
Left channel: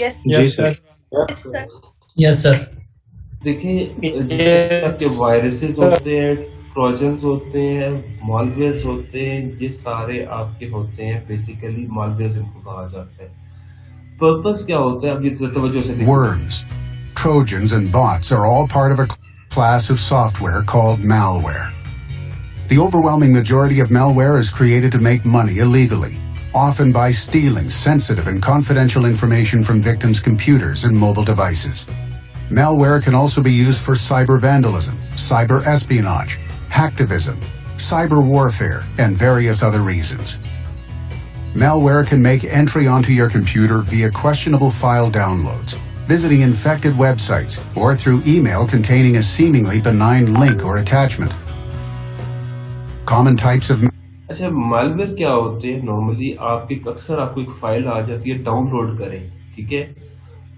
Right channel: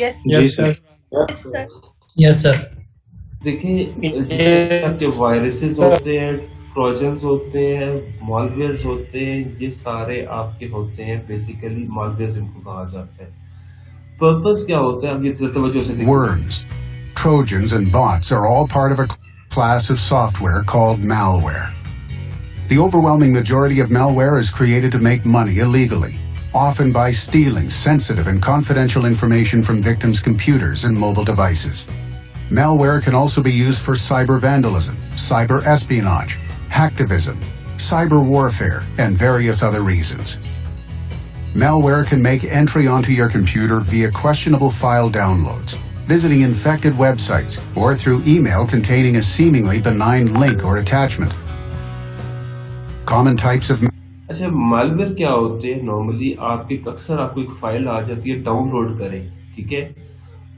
यस जी सर। सर। Yes sir. देखिए, आपके वायरसेस होते हैं, ट्रोजन्स होते हैं, मालवेयर्स होते हैं, ये सारे आपके होते हैं, बेसिकली मालवेयर्स इनको कहा जाता है। पर्पस क्या होता है, अब ये तवज्जो से देखिए। Worms, Trojans, and bots are all part of a class of software called malware. The overwhelming majority of malware is created to make money illegally, often by stealing sensitive and confidential information from victims' computers and mobile devices. Malware can also be used for cyber vandalism, cyber espionage, hacktivism, cyber warfare, and various other reasons. Malware can make entry onto your computer via questionable file downloads, visiting infected websites, or through email containing a seemingly benign link or attachment. Common types of अच्छा, malware क्या होते हैं? Normally आपकी अक्सर आपको एक file आ जाती है, डाउनलोड करें, ठीक है,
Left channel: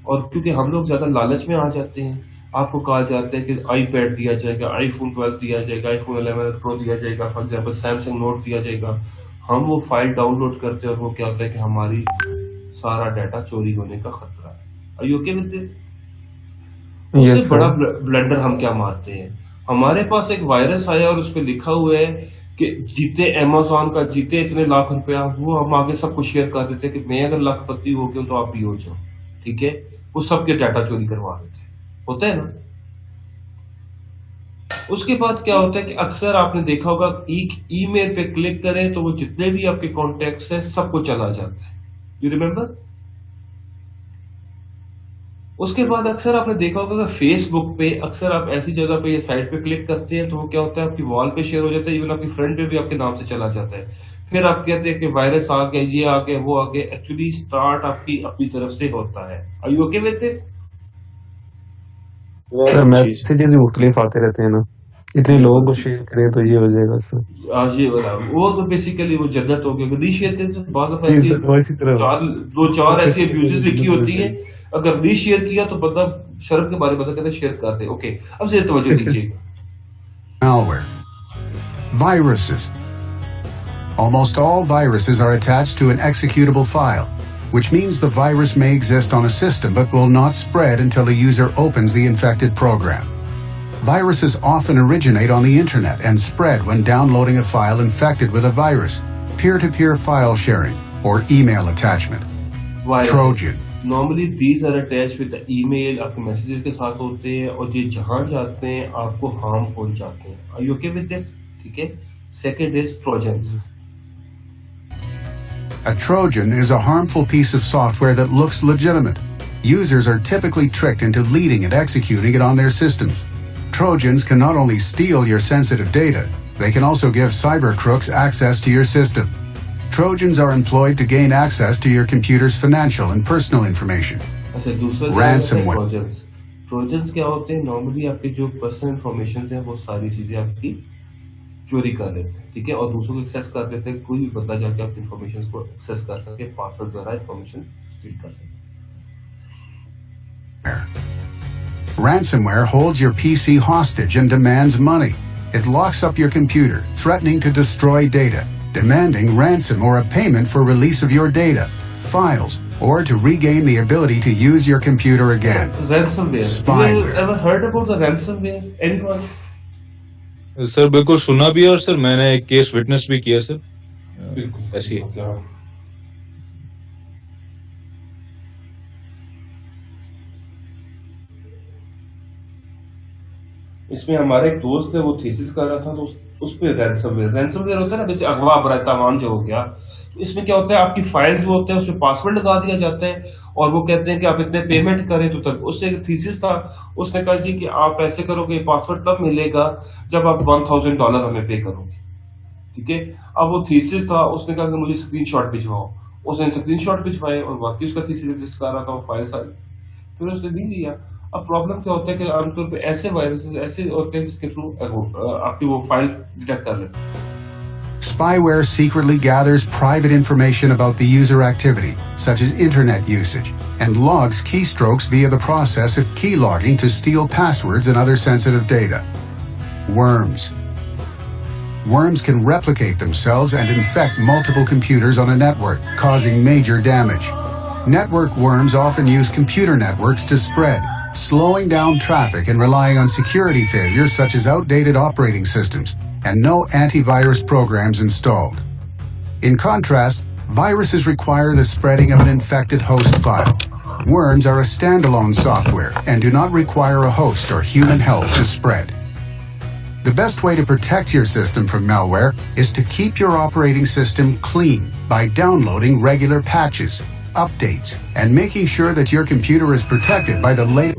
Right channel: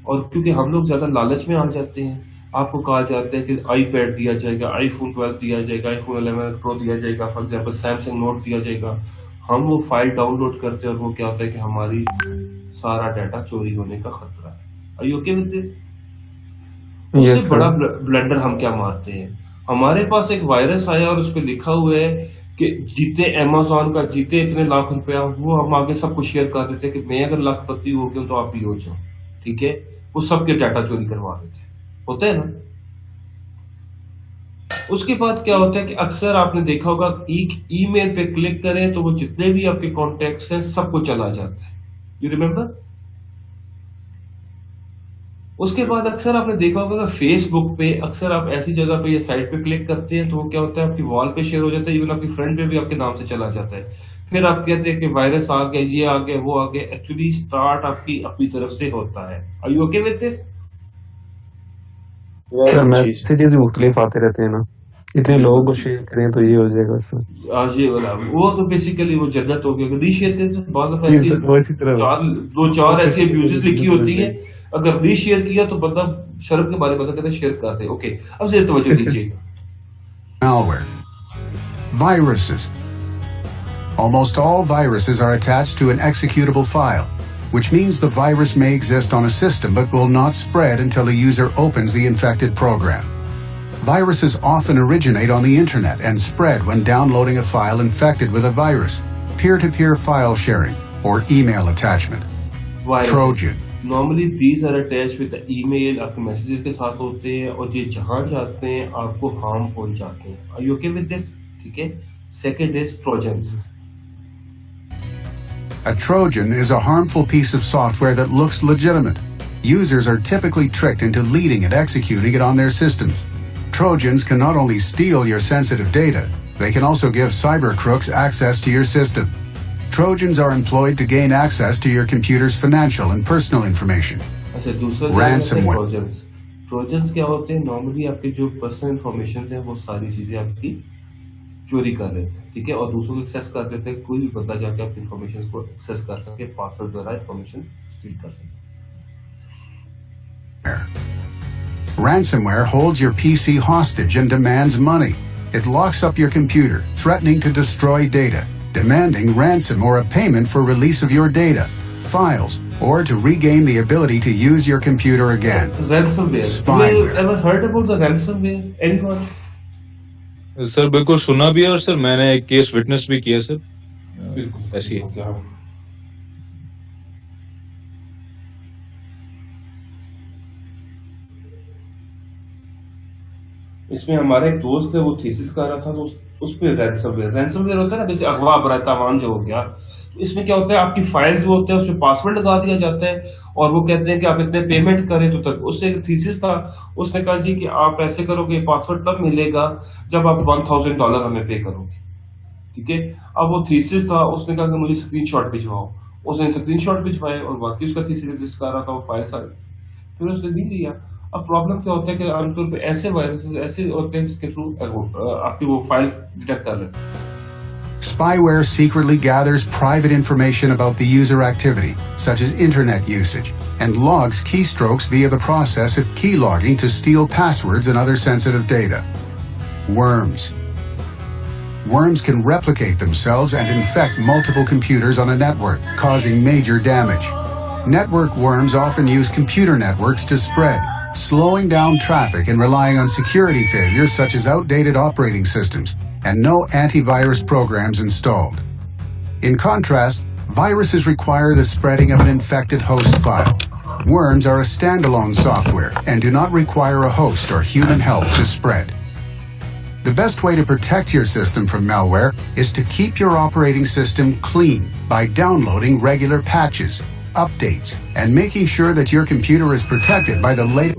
और क्योंकि हम लोग ज्यादा लालच में आ जाते हैं, आपको कहा जाता है कि आईपैड दिया जाएगा, आईफोन 12 दिया जाएगा, आईफोन 11 प्रो दिया जाएगा, फॉर एग्जांपल सैमसंग नोट दिया जाएगा। हम वो फाइल डाउनलोड करते हैं और वो क्या होता है कि हमारी सारा डाटा चोरी होने का खतरा है। Are you okay with this? Yes, उससे बड़ा ब्लंडर हम क्या मारते हैं, हमारे पास एक वायरस आया और उस पर लिखा हुआ है कि जीते अमेज़न का, जीते इतने लाख रुपया, वो हम आगे सबको शेयर कर देते हैं कि मैं अगर लाखपति हो गया तो आप भी हो जाओ, ठीक है। वो सबके डाटा चोरी करवा देते हैं, होता है ना। उसके बाद क्या होता है कि अक्सर आपने देखा होगा एक ईमेल पे क्लिक करें तो वो जितने भी आपके कॉन्टेक्ट्स हैं सबको चला जाता है, यू रिमेम्बर। उसके बाद अक्सर आपने देखा होगा कि फेसबुक पे अक्सर आप ऐसी जगह पे ये साइट पे क्लिक करते हैं तो वो क्या होता है आपकी वॉल पे शेयर हो जाता है, इवन आपकी फ्रेंड पे भी आपके नाम से चला जाता है। फिर आप कहते हैं कि वायरस आ गया, ये आ गया, वो आ गया, एक्चुअली स्टार्ट आपकी अपनी तरफ से होता है। Are you okay with this? Sir messages भी मुख्तलिफ आते रहते हैं ना, इतने लोगों को शेयर करें तो ये हो जाएगा सर। आज ये वाला वो तो बेसिकली वो जन्नत हो गया, रीशेयर करें तो बाद में जी ऐसी सर, वो इसी तरह दो चार ऐसी अब्यूजेस लिखी होती है, अगर रीशेयर किया तो बंदा शर्म के बारे में कहते हैं शेयर कर दे, ओके। अब से तवज्जो दीजिएगा। malware. Viruses. Almost all viruses are attached to an executable file, which means the virus may exist on a system but will not spread until a user opens the infected program. Viruses often originate on the internet and spread when downloading a file infected with a virus, peer-to-peer file sharing, or email attachment. Virus. Trojan. Normally these are attached with the email, आपके messages के साथ होते हैं और ये जहाँ जाते हैं आपको हार्म पहुंचाते हैं. Are you okay with this? ठीक है. Second is Trojans. A Trojan is a harmful piece of software that looks legitimate. Users are typically tricked into leading and executing it on their systems. Trojans can not only steal your sensitive data, they can also give cyber crooks access to your system. Trojans are employed to gain access to your computer's financial and personal information. अच्छा दूसरा Ransomware. Trojans. Trojans क्या होते हैं? Normally आपके जो personal information हैं वो सारी चीजें आपकी चोरी कर लेते हैं, ठीक है, और दूसरों को एक्सेस कर देते हैं. कोई भी बंदा जाके आपकी इंफॉर्मेशन को एक्सेस कर सके, पासवर्ड द्वारा इंफॉर्मेशन स्टील कर सके. Ransomware holds your PC hostage and demands money. It locks up your computer, threatening to destroy data, demanding ransom or a payment for release of your data, files, or to regain the ability to use your computer again. Ransomware. Spyware. You ever heard about the ransomware? Anyone? Sir बिल्कुल सुना भी है और sir मैंने एक case witness भी किया sir. बिल्कुल. ऐसी है. इसमें हमारा एक दोस्त है, वो थीसिस कर रहा था, तो उस पे रैंसमवेयर होता है ना, जैसे अगवा बरा तमाम जो हो गया. इसमें क्या होता है, आपकी फाइल्स वो होते हैं, उसमें पासवर्ड लगा दिया जाता है और वो कहते हैं कि आप इतने पेमेंट करें तो तक. उससे एक थीसिस था, उसने कहा जी कि आप ऐसे करोगे, पासवर्ड तब मिलेगा जब आप $1,000 हमें पे करोगे, ठीक है. अब वो थीसिस था, उसने कहा कि मुझे स्क्रीनशॉट भिजवाओ. उसने स्क्रीनशॉट भिजवाए और बाकी उसका थीसिस एग्जिस्ट कर रहा था, वो फाइल सारी, फिर उसने नहीं लिया. अब प्रॉब्लम क्या होता है कि आमतौर पे ऐसे वायरसेस ऐसे होते हैं जिसके थ्रू आपकी वो फाइल डिटेक्ट कर लेते हैं. Spyware secretly gathers private information about the user activity, such as internet usage, and logs keystrokes via the process of keylogging to steal passwords and other sensitive data. Worms. Worms can replicate themselves and infect multiple computers on a network, causing major damage. Network worms often use computer networks to spread, slowing down traffic and relying on security failures such as outdated operating systems and no antivirus programs installed. In contrast, viruses require the spreading of an infected host file. Worms are a standalone software and do not require a host or human help to spread. The best way to protect your system from malware is to keep your operating system clean by downloading regular patches, updates, and making sure that your computer is protected by the latest.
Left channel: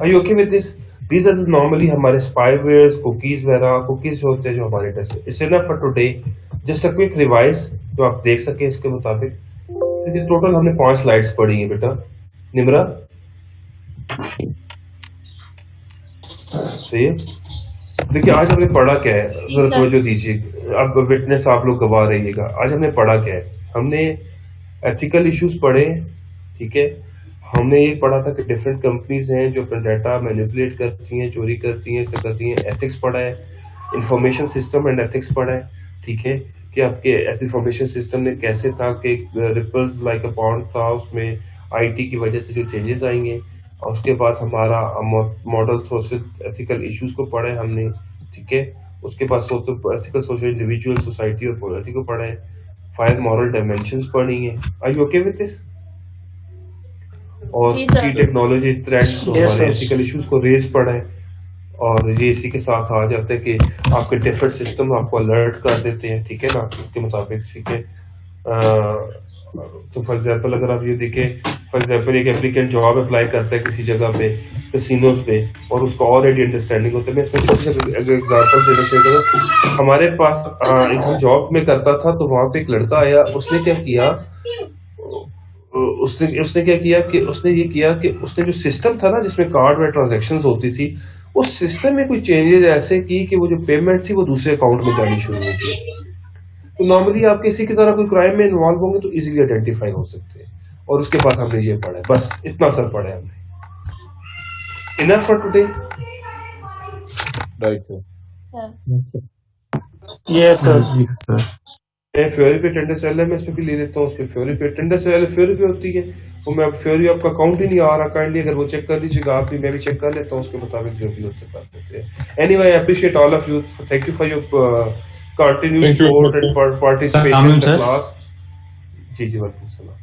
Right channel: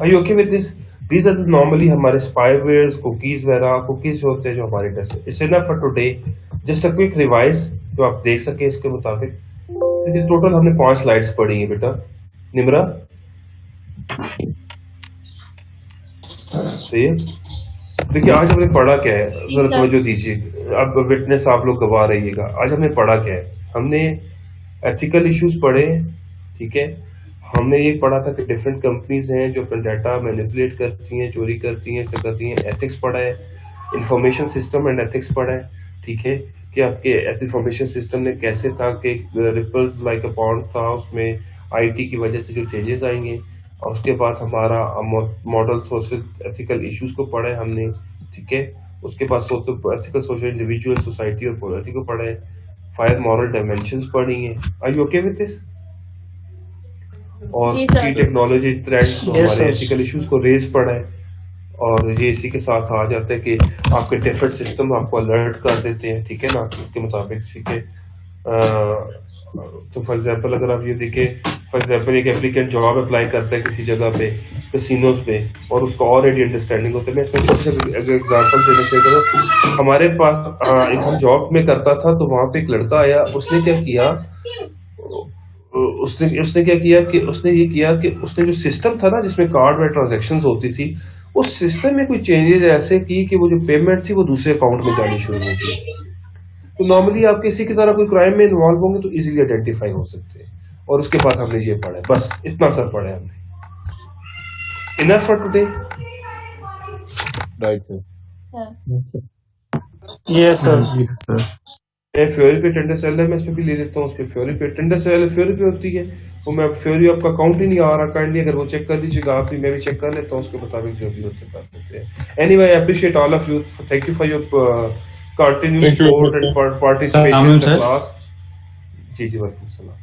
Are you okay with this? These are normally हमारे spywares, cookies वगैरह. cookies होते हैं जो हमारे test. It's enough for today. Just a quick revise जो आप देख सके इसके मुताबिक. देखिए टोटल हमने 5 स्लाइड्स पढ़ी हैं बेटा. निम्रा सही है. देखिए आज हमने पढ़ा क्या है, जरा तवज्जो दीजिए. अब विटनेस आप लोग गवाह रहिएगा. आज हमने पढ़ा क्या है, हमने एथिकल इश्यूज पढ़े, ठीक है. हमने ये पढ़ा था कि डिफरेंट कंपनीज हैं जो अपना डाटा मैनिपुलेट करती हैं, चोरी करती हैं, ऐसे करती हैं. एथिक्स पढ़ा है, इंफॉर्मेशन सिस्टम एंड एथिक्स पढ़ा है, ठीक है, कि आपके इंफॉर्मेशन सिस्टम ने कैसे था कि रिपल्स लाइक अ पॉन्ड था, उसमें आईटी की वजह से जो चेंजेस आएंगे. और उसके बाद हमारा मॉडल सोशल एथिकल इश्यूज को पढ़ा है हमने, ठीक है. उसके बाद एथिकल सोशल इंडिविजुअल सोसाइटी और पॉलिटी को पढ़ा है. 5 मॉरल डायमेंशंस पढ़ी हैं. Are you okay with this? और की टेक्नोलॉजी ट्रेंड्स हमारे एथिकल इश्यूज को रेज पढ़ा है. और ये इसी के साथ आ जाता है कि आपके डिफरेंट सिस्टम आपको अलर्ट कर देते हैं, ठीक है ना, इसके मुताबिक, ठीक है. तो फॉर एग्जांपल अगर आप ये देखें, फॉर एग्जांपल एक एप्लीकेंट जॉब अप्लाई करता है किसी जगह पे, कैसीनोज पे, और उसको ऑलरेडी अंडरस्टैंडिंग होता है. मैं इसमें छोटे से एग्जांपल देना चाहिए. हमारे पास एक जॉब में करता था, तो वहां पे एक लड़का आया. उसने क्या किया, उसने क्या किया कि उसने जो सिस्टम था ना जिसमें कार्ड में ट्रांजैक्शंस होती थी, उस सिस्टम में कोई चेंजेस ऐसे की कि वो जो पेमेंट थी वो दूसरे अकाउंट में जानी शुरू हो गई. तो नॉर्मली आप किसी की तरह कोई क्राइम में इन्वॉल्व होंगे तो इजीली आइडेंटिफाई हो सकते हैं. और उसके बाद हमने ये पढ़ा है, बस इतना सर पढ़ा है हमने. Enough for today. Right sir. Yes, sir. मैं फ्योरी पे टेंडेंस एलएमएस पे भी ले लेता हूँ, उस पे फ्योरी पे टेंडेंस फ्योरी पे होती है, वो मैं फ्योरी आपका काउंट ही नहीं आ रहा, काइंडली अगर वो चेक कर लीजिएगा आप भी, मैं भी चेक कर लेता हूँ, उसके मुताबिक जो भी होते कर देते हैं। Anyway I appreciate all of you, thank you for your continued Thank you. Support and participation in the class. जी जी वालेकुम सलाम।